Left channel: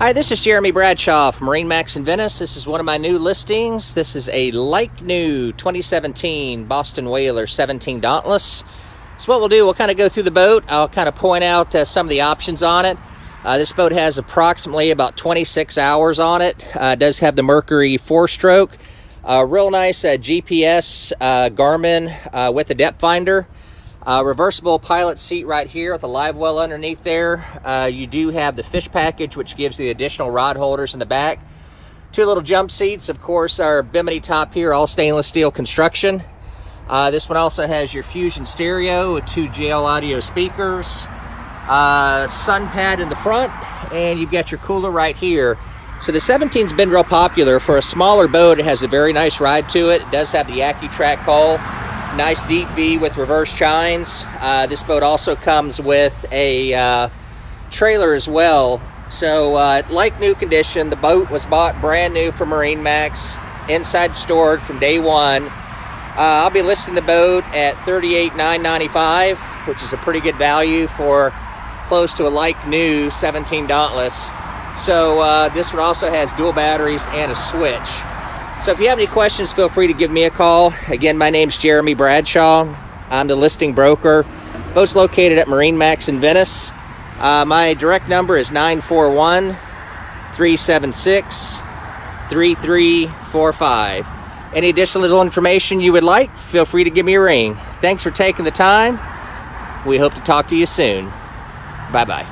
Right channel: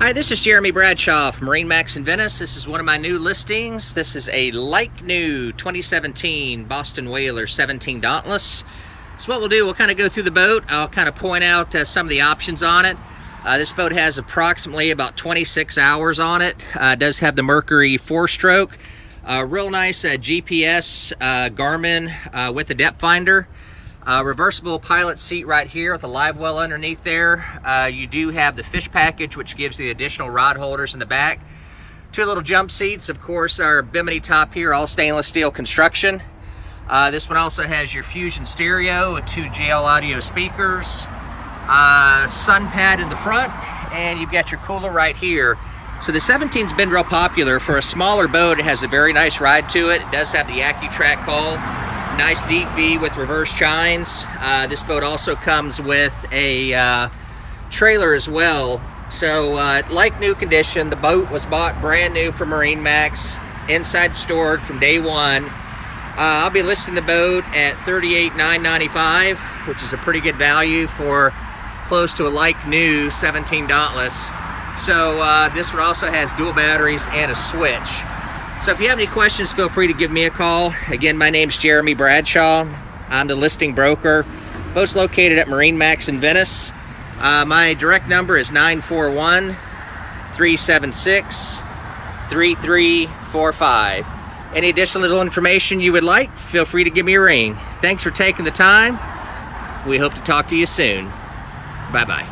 Hi, this is Jeremy Bradshaw from MarineMax in Venice. This is one of my new listings. This is a like new 2017 Boston Whaler 17 Dauntless. So what we'll do, we'll kind of go through the boat. I'll kind of point out some of the options on it. This boat has approximately about 26 hours on it. It does have the Mercury 4-stroke. Real nice GPS Garmin with the depth finder. Reversible pilot seat right here with a live well underneath there. You do have the fish package, which gives you the additional rod holders in the back. Two little jump seats, of course, our bimini top here, all stainless steel construction. This one also has your Fusion stereo with 2 JL audio speakers, sun pad in the front, and you've got your cooler right here. So the 17's been real popular. For a smaller boat, it has a very nice ride to it. It does have the AccuTrack hull. Nice deep V with reverse chines. This boat also comes with a trailer as well. So like new condition, the boat was bought brand new from MarineMax, inside stored from day one. I'll be listing the boat at $38,995, which is a pretty good value for close to a like new 17 Dauntless. So this one also has dual batteries and a switch. So if you have any questions, feel free to give me a call. Again, my name's Jeremy Bradshaw. I'm the listing broker. Boat's located at MarineMax in Venice. My direct number is 941-376-3345. Any additional information you would like, feel free to give me a ring. Thanks for taking the time. We hope to talk to you soon. Bye-bye.